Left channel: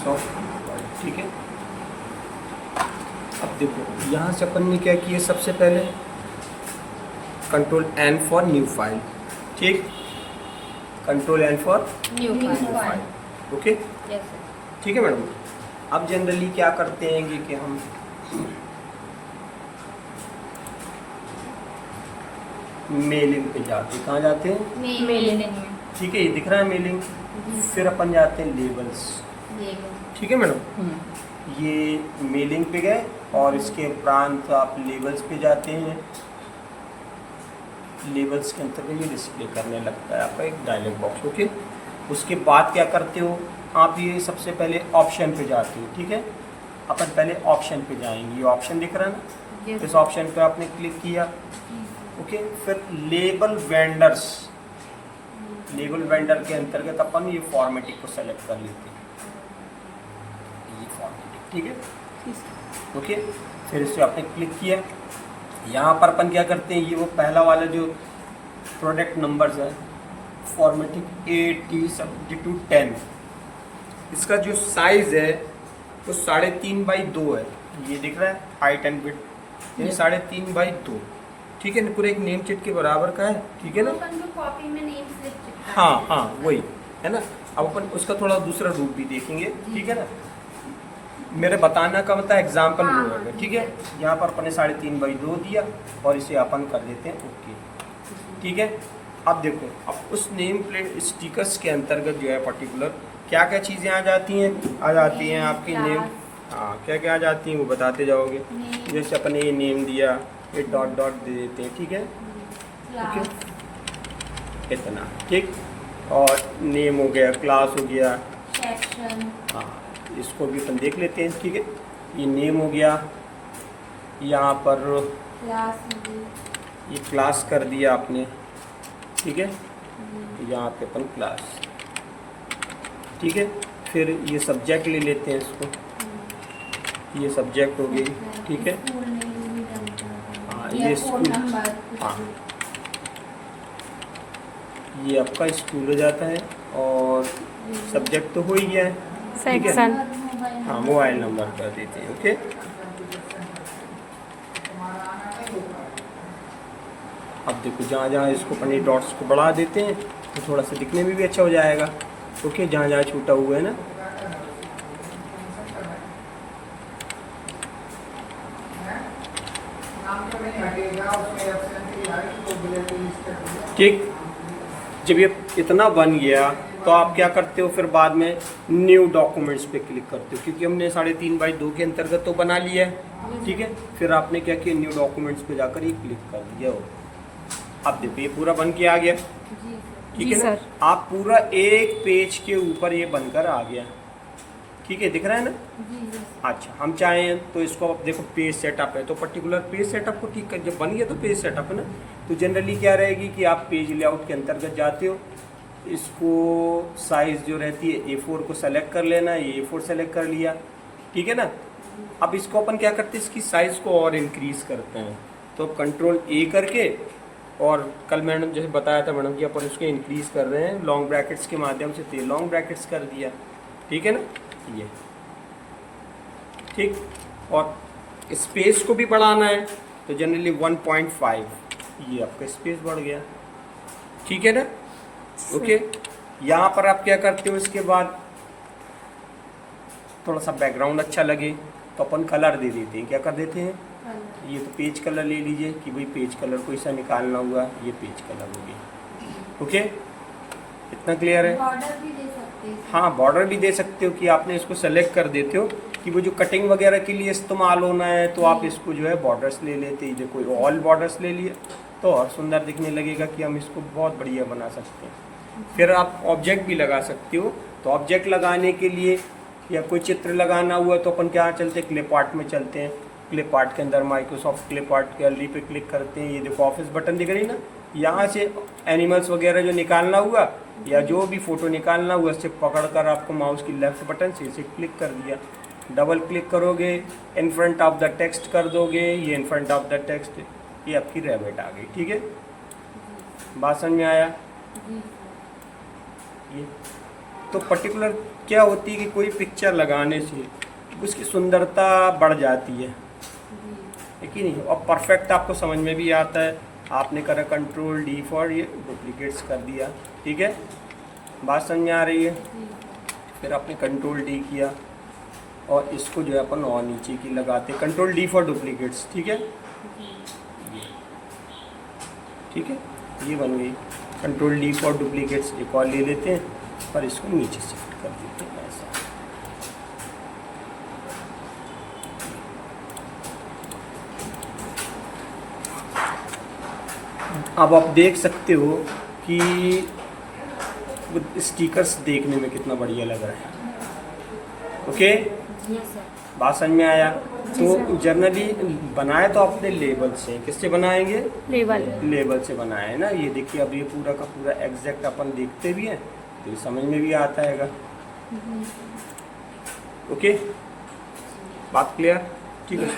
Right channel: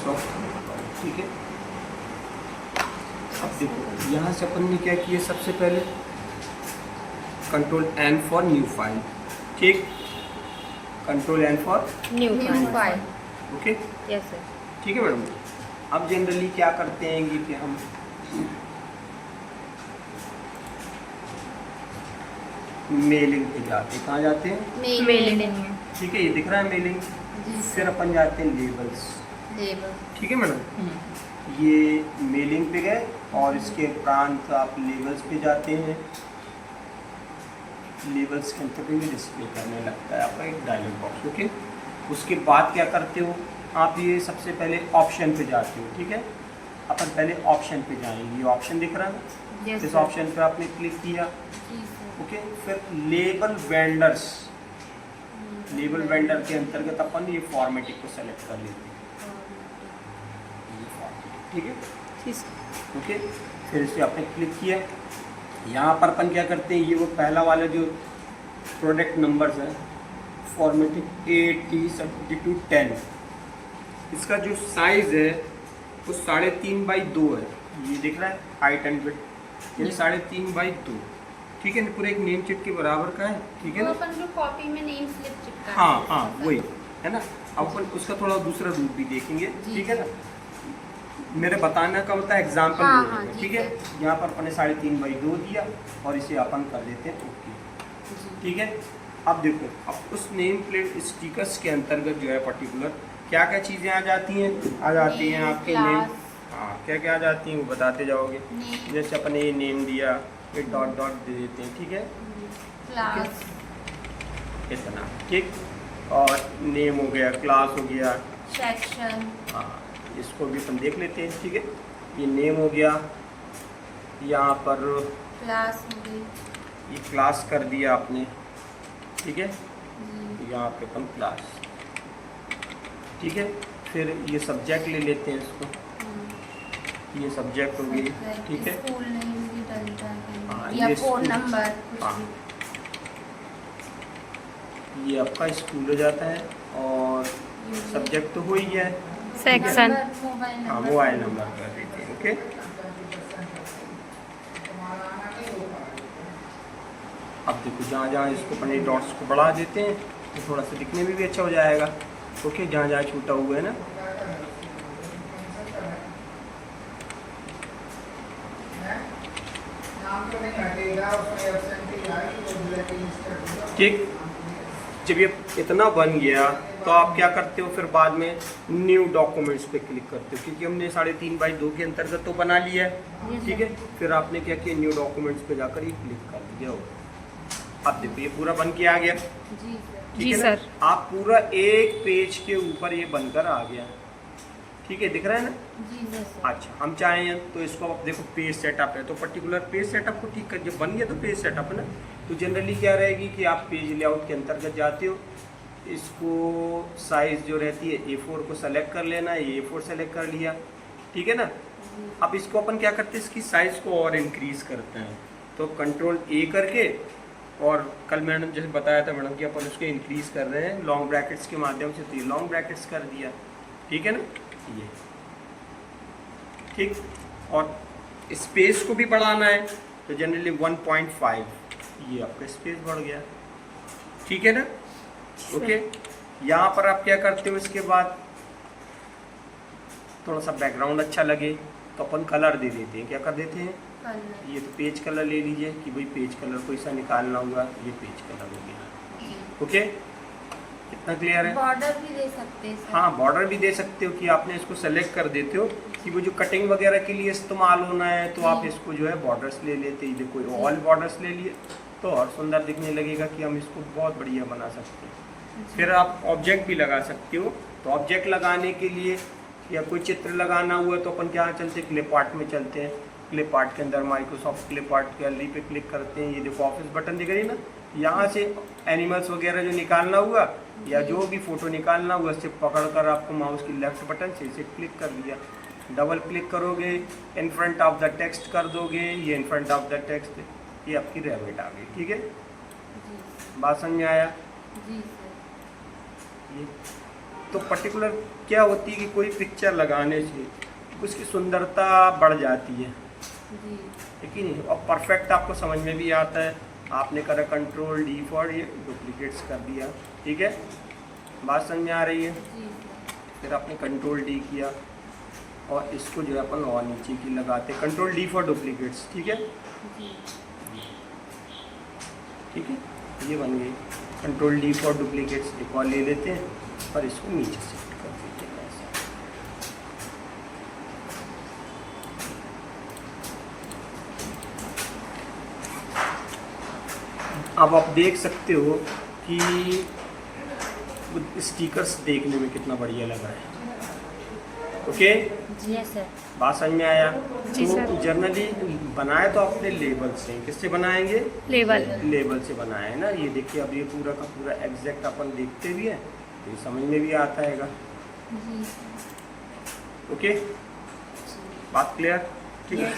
Microsoft, ठीक है। अब देखो यहाँ से अपन ने क्या किया, सबसे पहले control N for new file, ठीक, control N for new file. Okay, yes sir. ठीक है मैडम। अब जनरली क्या करते हैं कि हम मेलिंग पे जाते हैं। कहाँ जाते हैं? मेलिंग। ठीक है, ये दिख रहा है मेलिंग। फिर अपन जाते हैं लेबल्स, ठीक है मैडम। ये मेलिंग पे गए और इसके उपरांत आप लेबल्स पे जाते हैं। लेबल्स के अंतर्गत ये डिस्प्ले करने लगता है आपका एक डायलॉग बॉक्स, ओके। उसके बाद क्या करते हो आप, ये सबसे पहले ऑप्शन पे जाते हो, ठीक है। अपन पहले ऑप्शन पे जाएंगे, ये ऑप्शन दिख रहा है ना, इस ऑप्शन पे आपने क्लिक किया, ओके। फिर लेबल वेंडर्स, लेबल वेंडर के अंतर्गत अपन ये फॉर्मेटिंग को सेलेक्ट कर लेते हैं, ये फॉर्मेटिंग, ठीक है, ओके। फिर इसे आपने क्लिक किया, यहाँ पर अपन क्या करते हैं, ये वो पहला वाला जो प्रोडक्ट नंबर्स है फॉर्मेटिंग AT7210, इसका जो साइज है तो 3.5x2 है, ये दिख रहा है हाइट एंड विड्थ, ये 3.5x2, ठीक है ना, पूरे एक नेम चिट के बराबर का है, ठीक है ना। अपन जो कॉपी में नेम स्लिप चिपका, हाँ हाँ वही है ना। अब अपन उसका थोड़ा दूसरा रूप भी देखेंगे, ठीक है ना। मेरे बताना का मतलब एग्जाम्पल हाँ, वो होगा, हाँ, ठीक है। यहाँ पर अपन ने 3.5x2 दिया और इसे अपन कर देते हैं ओके, ठीक है। अब देखो, अब उस नेम प्लेट स्टिकर्स के अंतर्गत जो है पर्टिकुलर क्या क्या चीज़ें आ जाती हैं, आ जाती हैं आपके नेम, हाँ क्या क्या आ जाती हैं वो बताते जाओगे। जैसे अपन ने ये नेम दिया, ये डॉट डॉट दे देते हैं, ठीक है, क्लास, इतना, ठीक। और नेम हो गया, क्लास हो गया, सेक्शन, हाँ इसको भी अपन देख लेते हैं, ठीक है। ये नेम हो गया, यहाँ पर क्लास ये क्लास कर दिया आपने, ठीक है, यहाँ पे अपन क्लास, ठीक है। फिर ये सब्जेक्ट ले लेते हैं इसको, ये सब्जेक्ट हो गई, ठीक है। स्कूल नेम भी डलता हाँ, है, या ये फोन स्कूल, नंबर, हाँ ये आपका स्कूल हो जाता है। और सब्जेक्ट तो हो ही गया है, सेक्शन, हाँ मोबाइल नंबर कर देते हैं, ओके। अब देखो जहाँ जहाँ इसको अपने डॉट्स को बढ़ा देते हैं तो थोड़ा सा दिखने में भी अच्छा हो जाएगा, ओके। जहाँ जहाँ छूटा हुआ है ना, ठीक। जब ये इतना बन गया तो आप क्या करते हो, फिर बाद में न्यू डॉक्यूमेंट्स पे क्लिक करते हो, क्योंकि हमने 3.5x2 के अंतर्गत तो बना लिया है, ठीक है। फिर आपने क्या किया, न्यू डॉक्यूमेंट्स पे जाकर ये क्लिक कर दिया हो। अब देखो ये पूरा बन के आ गया, ठीक जी है ना? सर। आप पूरा एक पेज के ऊपर ये बनकर आ गया, ठीक है, दिख रहा है ना। अच्छा, हम चाहें तो इसको अब देखो पेज सेटअप है तो पर्टिकुलर पेज सेटअप को ठीक कर, जब बन गया तो पेज सेटअप है ना, तो जनरली क्या रहेगी कि आप पेज लेआउट के अंतर्गत जाते हो, इसको साइज जो रहती है A4 को सेलेक्ट कर लेना, ये A4 सेलेक्ट कर लिया, ठीक है ना। अब इसको अपन क्या करते हैं, इसकी साइज को और इंक्रीज करते हैं, तो कंट्रोल A करके, और कल मैडम जैसे बताया था मैडम कि अपन उसको इंक्रीज कर रहे हैं लॉन्ग ब्रैकेट्स के माध्यम से, तो लॉन्ग ब्रैकेट्स कर दिया, ठीक है ना, ये ठीक। और स्पेस को भी बढ़ाना है तो जनरली 1.5, ये आपका स्पेस बढ़ गया, ठीक है ना, ओके। यहाँ पर आप क्या करते हो, इसके बाद थोड़ा सा बैकग्राउंड अच्छा लगे तो अपन कलर दे देते हैं, क्या कर देते हैं, ये तो पेज कलर ले लीजिए कि भाई पेज कलर कोई सा निकालना हुआ, ये पेज कलर हो गया, ओके। इतना क्लियर है। बॉर्डर भी दे सकते हैं, हाँ बॉर्डर भी दे सकते हो कि आपने इसको सेलेक्ट कर देते हो कि वो जो कटिंग वगैरह के लिए इस्तेमाल होना है तो आप इसको जो है बॉर्डर्स ले लेते हैं, देखो ऑल बॉर्डर्स ले लिए तो और सुंदर दिखने लगेगा कि हम इसको बहुत बढ़िया बना सकते हैं। फिर आप ऑब्जेक्ट भी लगा सकते हो, तो ऑब्जेक्ट लगाने के लिए या कोई चित्र लगाना हुआ तो अपन क्या चलते हैं, क्लिप आर्ट में चलते हैं। क्लिप आर्ट के अंदर माइक्रोसॉफ्ट क्लिप आर्ट गैलरी पे क्लिक करते हैं, ये देखो ऑफिस बटन दिख रही ना, यहाँ से एनिमल्स वगैरह जो निकालना हुआ या जो भी फोटो निकालना हुआ सिर्फ पकड़कर आपको माउस की लेफ्ट बटन से इसे क्लिक कर दिया, डबल क्लिक करोगे, in front of the text कर दोगे, ये in front of the text, ये आपकी रैबिट आ गई, ठीक है। बात समझ में आया? जी ये तो पर्टिकुलर क्या होती है कि कोई पिक्चर लगाने से उसकी सुंदरता बढ़ जाती है कि नहीं, और परफेक्ट आपको समझ में भी आता है। आपने करा कंट्रोल डी फॉर ये डुप्लीकेट्स कर दिया, ठीक है, बात समझ में आ रही है। फिर आपने कंट्रोल डी किया और इसको जो है अपन और नीचे की लगाते, कंट्रोल डी फॉर डुप्लीकेट्स, ठीक है, ठीक है, ये बन गई कंट्रोल डी फॉर डुप्लीकेट्स। एक और ले लेते हैं पर इसको नीचे शिफ्ट कर देते हैं ऐसा। अब आप देख सकते हो कि स्टिकर्स देखने में कितना बढ़िया लग रहा है। ओके, जी सर। बात समझ में आया। जी तो सर। जनरली बनाए तो अपने लेबल से, किससे बनाएंगे, लेवल। लेबल से बनाए है ना। ये देखिए अब ये पूरा का पूरा एग्जैक्ट अपन देखते भी हैं तो ये समझ में भी आता है। जी ओके, बात क्लियर, ठीक है।